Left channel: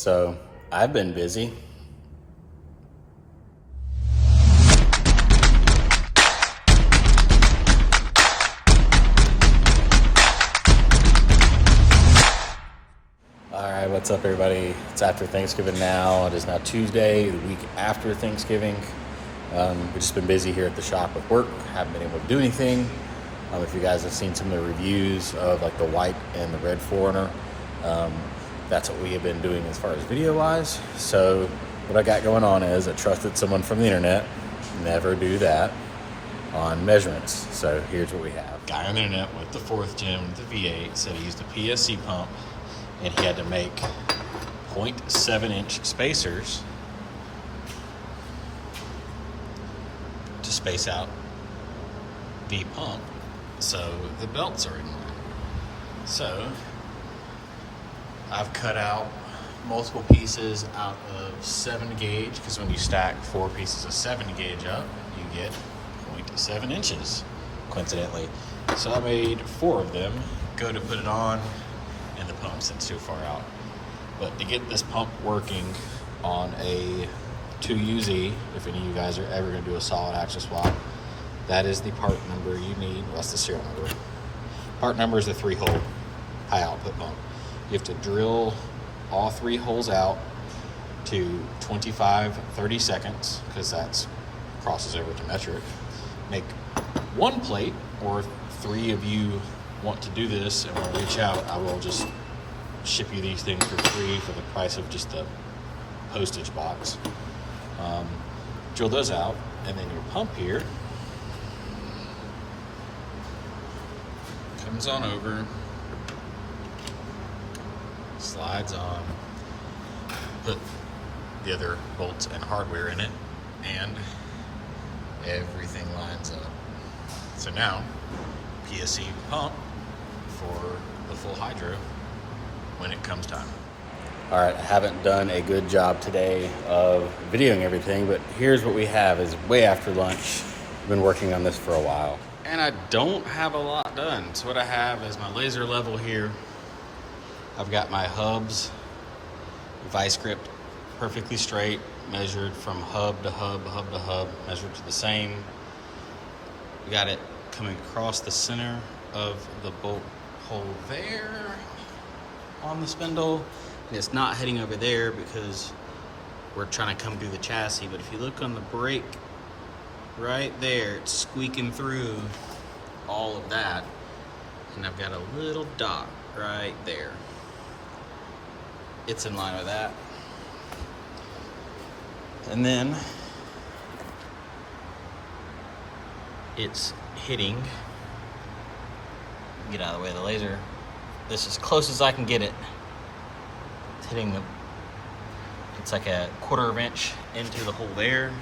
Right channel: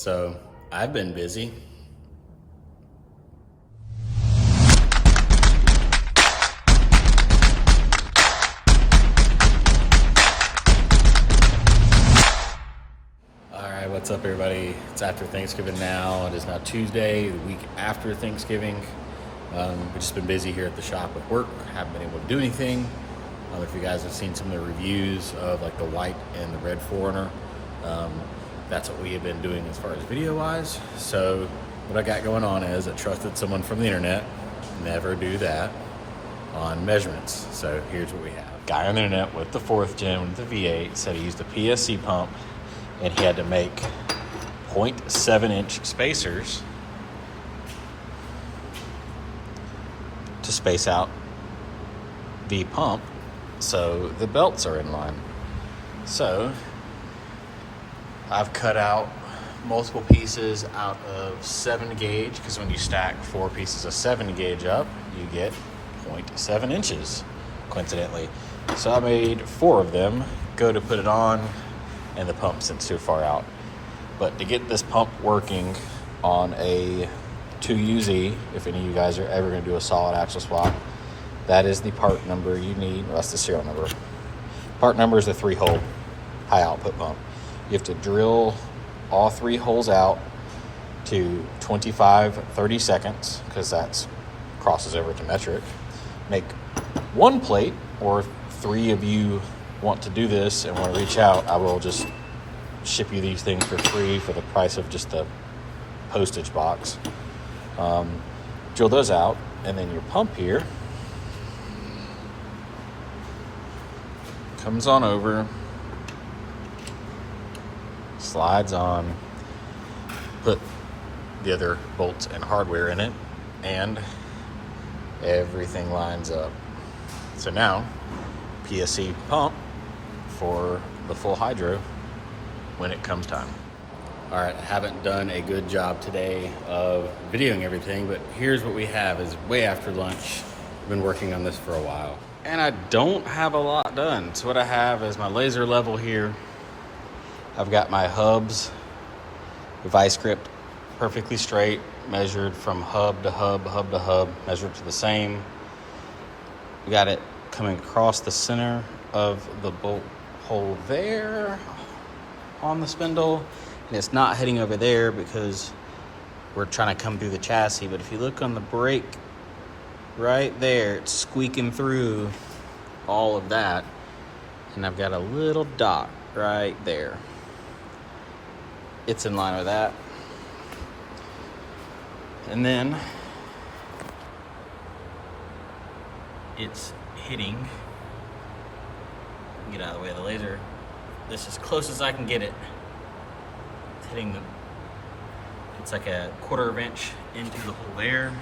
So I've been busy. All right, what's up everybody? It's after Thanksgiving now. It is now Tuesday, the week after Thanksgiving. We've just been busy here at the shop with work. Haven't been able to do anything. If you guys have seen some of the reviews of like the white and the red 4Runner, that's what we have been doing as far as video wise. So what I got going on is I trusted someone from the internet. Never do that on measurements. So here's what we have. Guy on the internet with the 4th gen with the V8 said he used a PSC pump and he had to make 0.7 inch spacers to space out the pump so the belts are in line. So I've cut out multiple pieces out of 7 gauge, because when you stack 4 pieces of 7 gauge up, you get 0.7 inches, coincidentally. So I made 4 of them, go to put it on, and the pump sits too far out. But to get this pump working on a 2UZ, if any of you guys are ever gonna do a solid axle swap, that is the part number you need. Well, that's the serial number. Part number is the 3-hole high output pump. You have to drill all 3 holes out to 25-30 seconds, because that crosses over to metric. Make 1 plate, or 3 of you want to do this and want to reach out, I will just ship you these things for free for the price of just the postage box. Drill those out, and then your pump here comes on over, slides on, put the other bolts and hardware in it, and everything lines up. So now, PSC pump for the full hydro when it comes time. All right, I haven't done a good job today of videoing everything, but here's what we have. Is way after lunch. I've been working on this for a while, and I don't have a lot done. So what I have is my laser level here. I've got my hubs, vice grip, perfectly straight, measured from hub to hub, hub to hub, measured to the same. We got it coming across the center of the bolt hole there on the spindle. And it's not heading over there because we're trying to come through the chassis. But if you look on the brake right there, it's squeaking through all of that. And I've got a little dot right there. It's in line with that. And then it's hitting, get out of the way of the laser. This is as close as I can get it. It's hitting it's like a 1/4 inch into the hole there.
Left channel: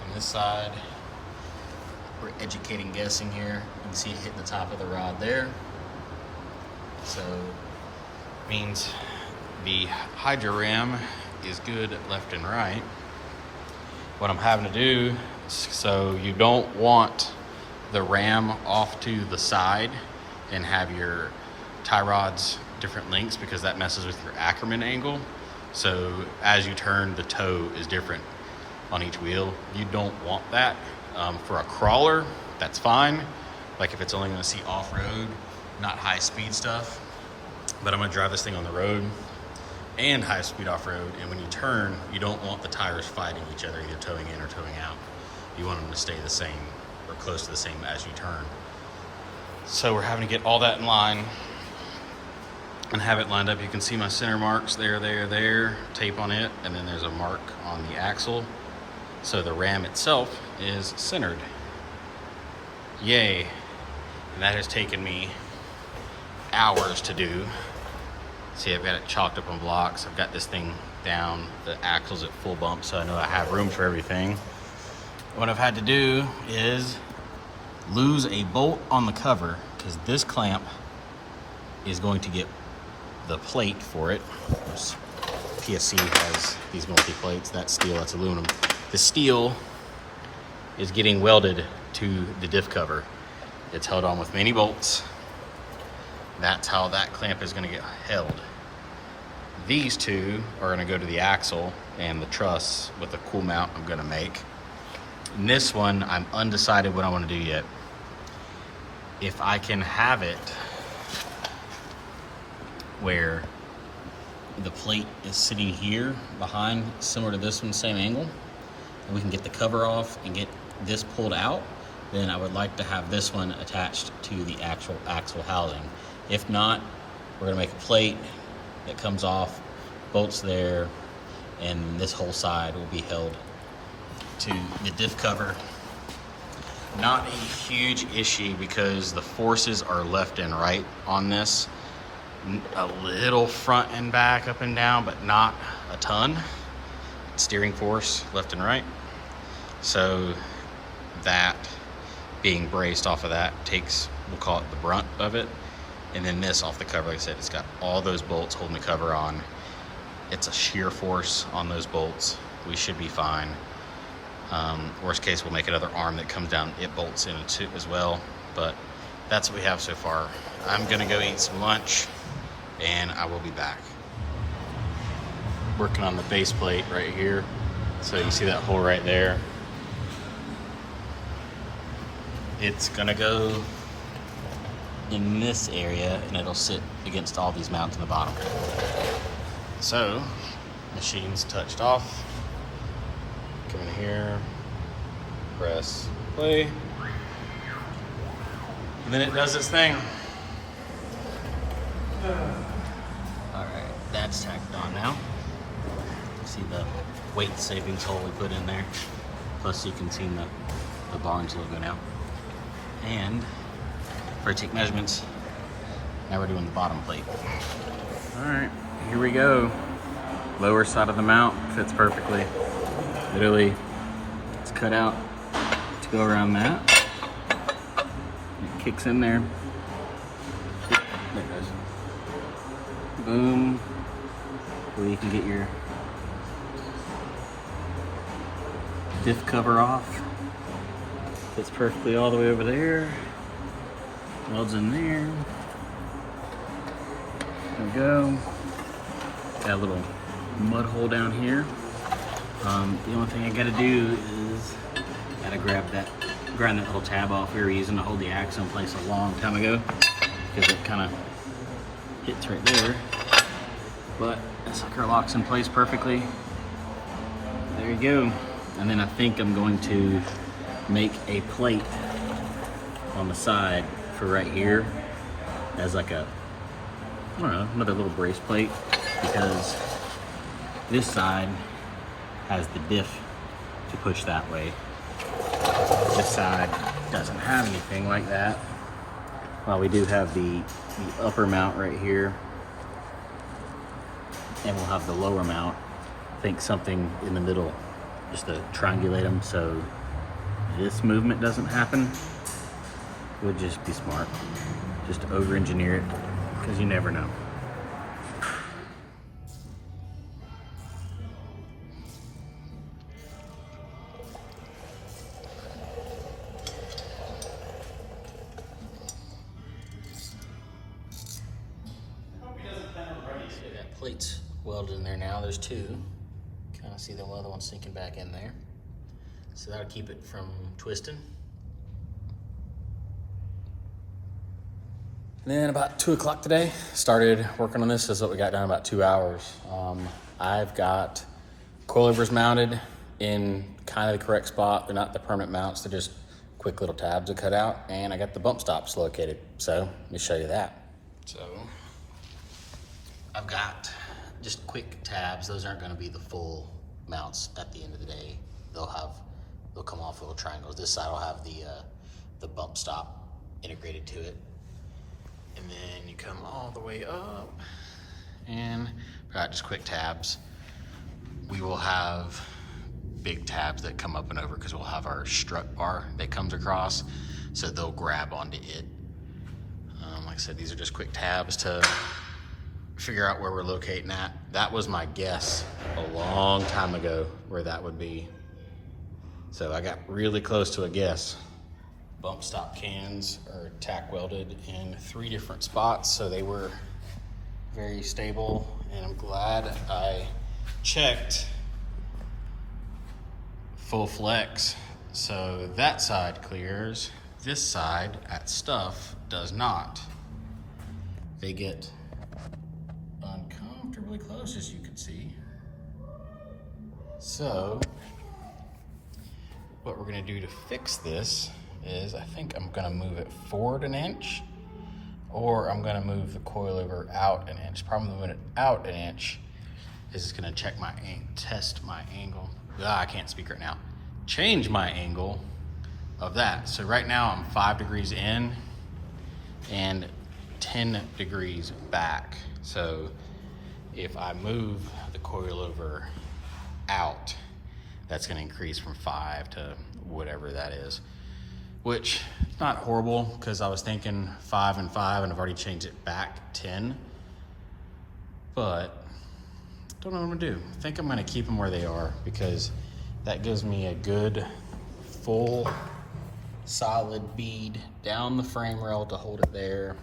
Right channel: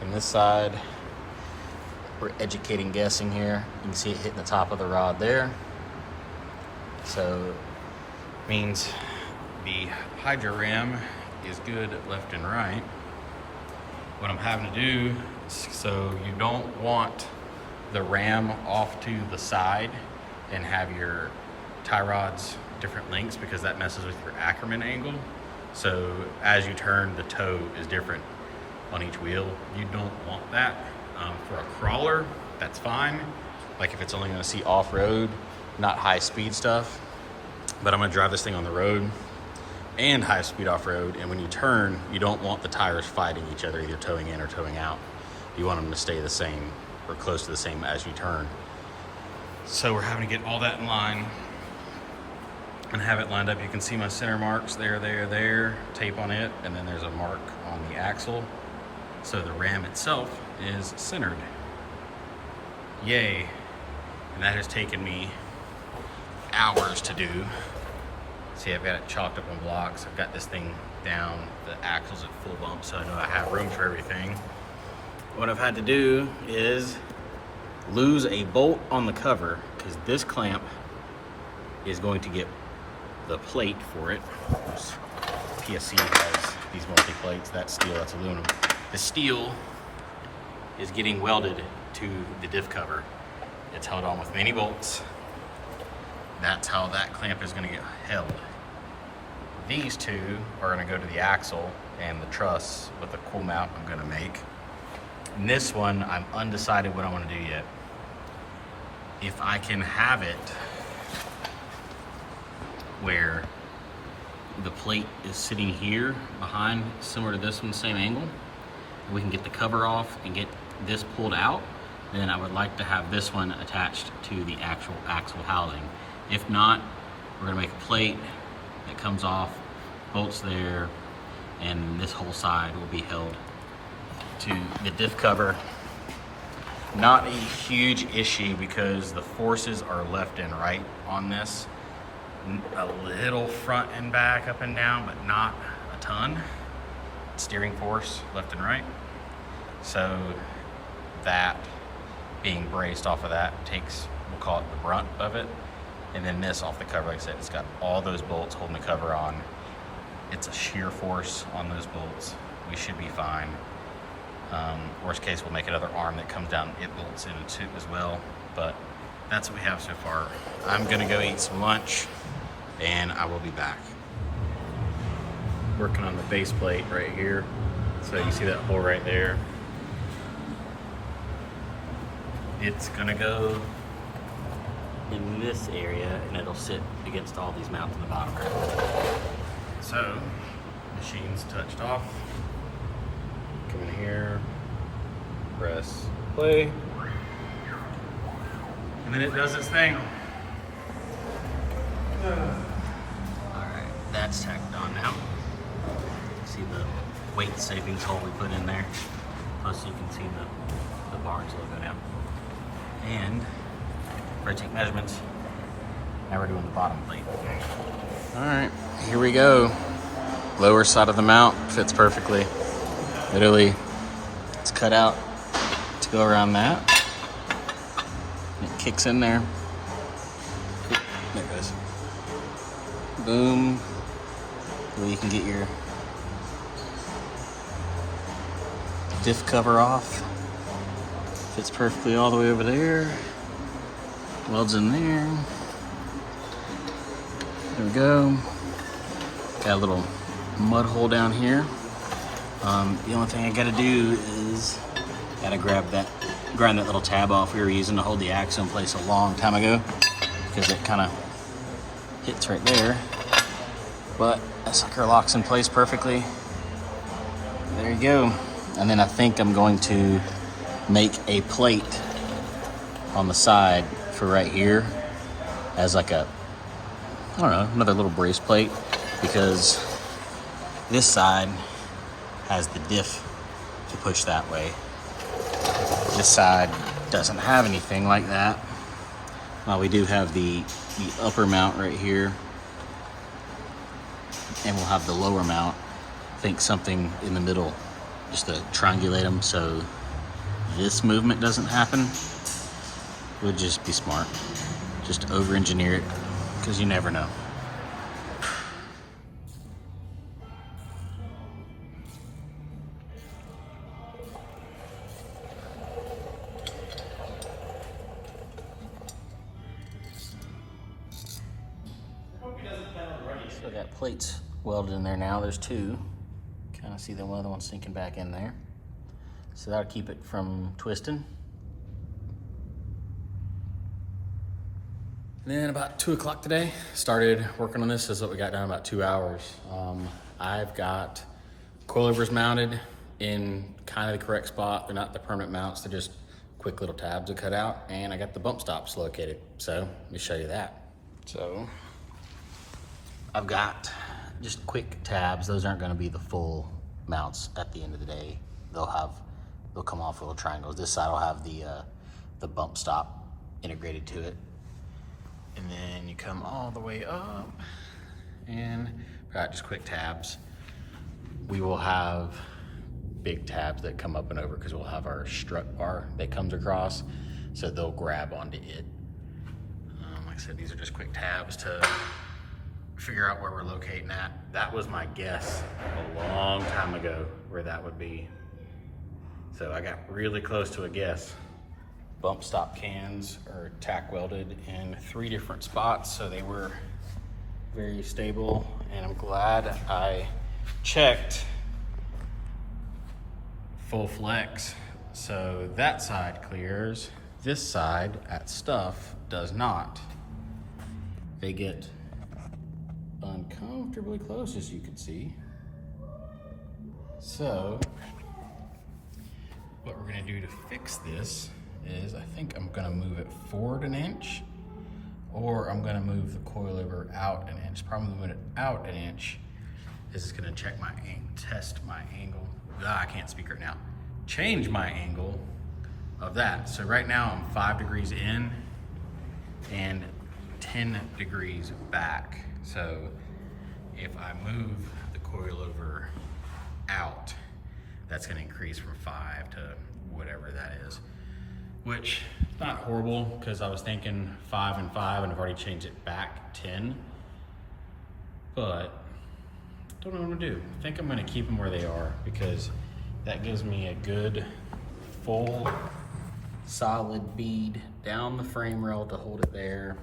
From this side, we're educating guessing here. You can see it hitting the top of the rod there. So, means the hydro ram is good left and right. What I'm having to do, so you don't want the ram off to the side and have your tie rods different lengths, because that messes with your Ackerman angle. So as you turn, the toe is different on each wheel. You don't want that. For a crawler, that's fine. Like if it's only gonna see off-road, not high-speed stuff. But I'm gonna drive this thing on the road and high-speed off-road, and when you turn, you don't want the tires fighting each other, either towing in or towing out. You want them to stay the same or close to the same as you turn. So we're having to get all that in line and have it lined up. You can see my center marks there, tape on it, and then there's a mark on the axle. So the ram itself is centered. Yay. And that has taken me hours to do. See, I've got it chalked up on blocks. I've got this thing down. The axle's at full bump, so I know I have room for everything. What I've had to do is lose a bolt on the cover, because this clamp is going to get the plate for it. PSC has these multi-plates. That's steel, that's aluminum. The steel is getting welded to the diff cover. It's held on with many bolts. That's how that clamp is going to get held. these two are gonna go to the axle and the truss with the cool mount I'm gonna make. And this one, I'm undecided what I wanna do yet. If I can have it where the plate is sitting here behind, similar to this one, same angle, and we can get the cover off and get this pulled out, then I would like to have this one attached to the actual axle housing. If not, we're gonna make a plate that comes off, bolts there, and this whole side will be held to the diff cover. Not a huge issue because the forces are left and right on this. A little front and back, up and down, but not a ton. Steering force left and right. So that being braced off of that takes, we'll call it the brunt of it. And then this off the cover, like I said, it's got all those bolts holding the cover on. It's a shear force on those bolts. We should be fine. Worst case, we'll make another arm that comes down, it bolts in it as well. But that's what we have so far. I'm gonna go eat some lunch and I will be back. Working on the base plate right here. So you see that hole right there. It's gonna go in this area and it'll sit against all these mounts in the bottom. So, machine's touched off. Come in here, press play. And then it does its thing. Alright, that's tacked on now. See the weight savings hole we put in there. Plus you can see the Barnes logo now. And for take measurements, now we're doing the bottom plate. Alright, here we go. Lower side of the mount fits perfectly. Literally, it's cut out to go around that. It kicks in there. There it goes. Boom. Where you can get your diff cover off. Fits perfectly all the way over there. Welds in there. There we go. Got a little mud hole down here. The only thing I gotta do is gotta grind that little tab off we were using to hold the axle in place a long time ago, because it kind of hits right there. But that sucker locks in place perfectly. There you go. And then I think I'm going to make a plate on the side for right here as like a, I don't know, another little brace plate, because this side has the diff to push that way. This side doesn't have anything like that. Well, we do have the upper mount right here, and we'll have the lower mount. I think something in the middle, just to triangulate them so this movement doesn't happen. Would just be smart. Just over-engineer it, because you never know. So I got plates welded in there now. There's two. Kind of see the one other one sinking back in there. So that'll keep it from twisting. And then about 2 o'clock today, started working on this. This is what we got done in about 2 hours. I've got coilovers mounted in kind of the correct spot. They're not the permanent mounts, they're just quick little tabs to cut out. And I got the bump stops located. So let me show you that. So I've got just quick tabs. Those aren't gonna be the full mounts at the end of the day. They'll come off little triangles. This side will have the bump stop integrated to it. And then you come all the way up and got just quick tabs. We will have big tabs that come up and over because we'll have our strut bar that comes across, so they'll grab onto it. Like I said, these are just quick tabs to figure out where we're locating at. That was my guess a long time ago where that would be. So I got really close to a guess. Bump stop cans are tack welded in 3 different spots, so they were very stable And I'm glad I checked full flex. So that side clears, this side at stuff does not. They get uncomfortably close, as you can see. So what we're gonna do to fix this is, I think I'm gonna move it forward an inch, or I'm gonna move the coilover out an inch. Probably moving it out an inch is gonna check my test my angle. I can't speak right now. Change my angle of that. So right now I'm 5 degrees in and 10 degrees back. So if I move the coilover out, that's gonna increase from 5 to whatever that is, which not horrible, because I was thinking 5 and 5 and I've already changed it back 10, but don't know what I'm gonna do. I think I'm gonna keep them where they are, because that gives me a good full solid bead down the frame rail to hold it there,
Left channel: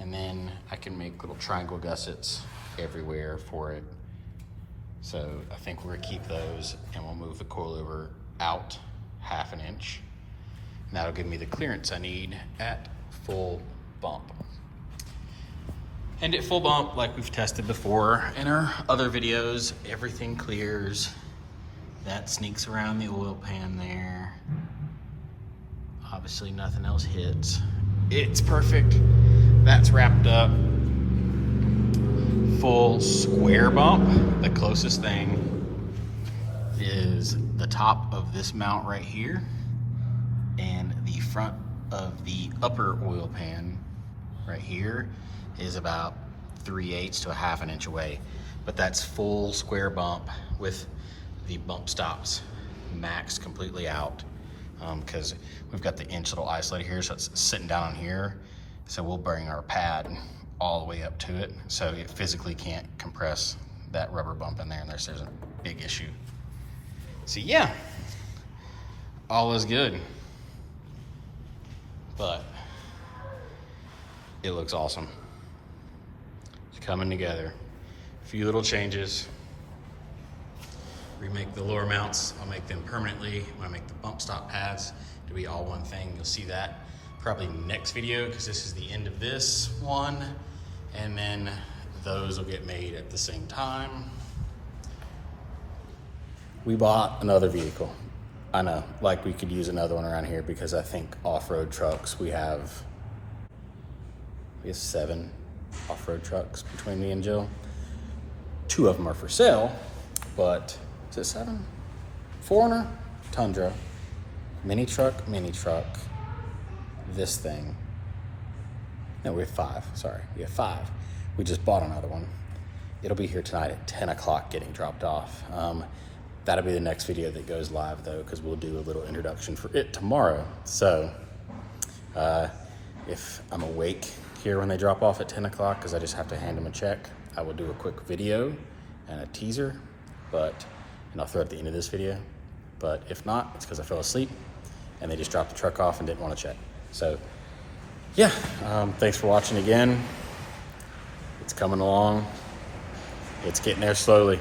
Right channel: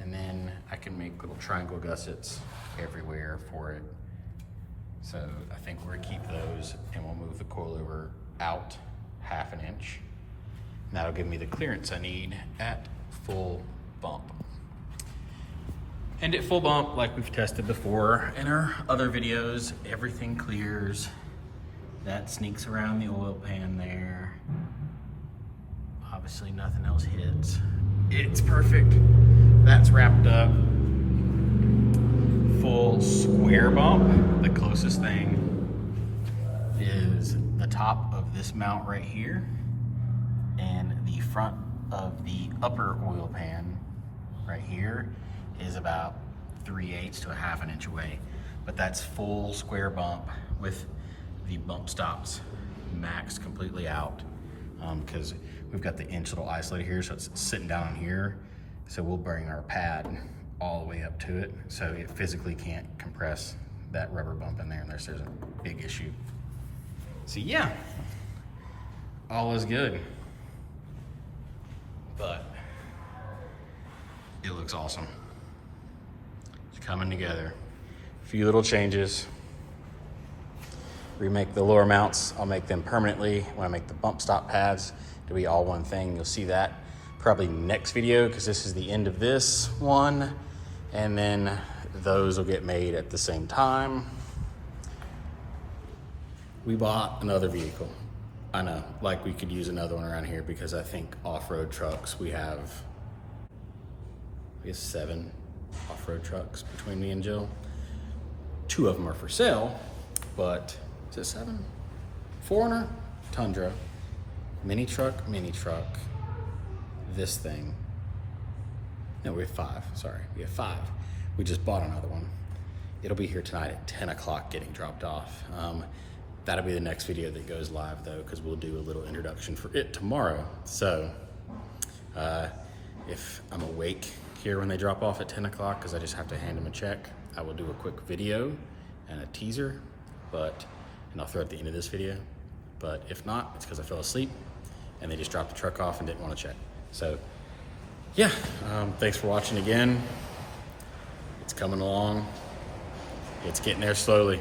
and then I can make little triangle gussets everywhere for it. So I think we're gonna keep those, and we'll move the coilover out 1/2 inch. And that'll give me the clearance I need at full bump. And at full bump, like we've tested before in our other videos, everything clears. That sneaks around the oil pan there. Obviously nothing else hits. It's perfect. That's wrapped up. Full square bump. The closest thing is the top of this mount right here, and the front of the upper oil pan right here is about 3/8 to 1/2 inch away. But that's full square bump with the bump stops maxed completely out, because we've got the inch little isolator here, so it's sitting down on here. So we'll bring our pad all the way up to it, so it physically can't compress that rubber bump in there unless there's a big issue. So yeah, all is good. But it looks awesome. It's coming together. A few little changes. Remake the lower mounts. I'll make them permanently when I make the bump stop pads to be all one thing. You'll see that probably next video, because this is the end of this one, and then those will get made at the same time. We bought another vehicle. I know, like we could use another one around here, because I think off-road trucks, we have, I guess, 7 off-road trucks between me and Jill. 2 of them are for sale, but is it 7? 4Runner, Tundra, mini truck, this thing. No, we have 5, sorry, we have 5. We just bought another one. It'll be here tonight at 10 o'clock getting dropped off. That'll be the next video that goes live though, because we'll do a little introduction for it tomorrow. So if I'm awake here when they drop off at 10 o'clock, because I just have to hand them a check, I will do a quick video and a teaser, and I'll throw it at the end of this video. But if not, it's because I fell asleep and they just dropped the truck off and didn't want to check. So yeah, thanks for watching again. It's coming along. It's getting there slowly.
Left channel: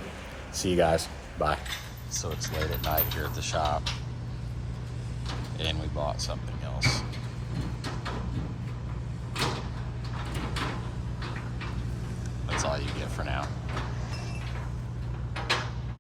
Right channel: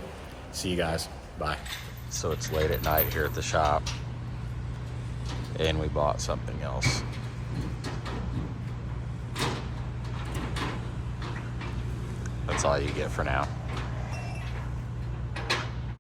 See you guys. Bye. So it's late at night here at the shop, and we bought something else. That's all you get for now.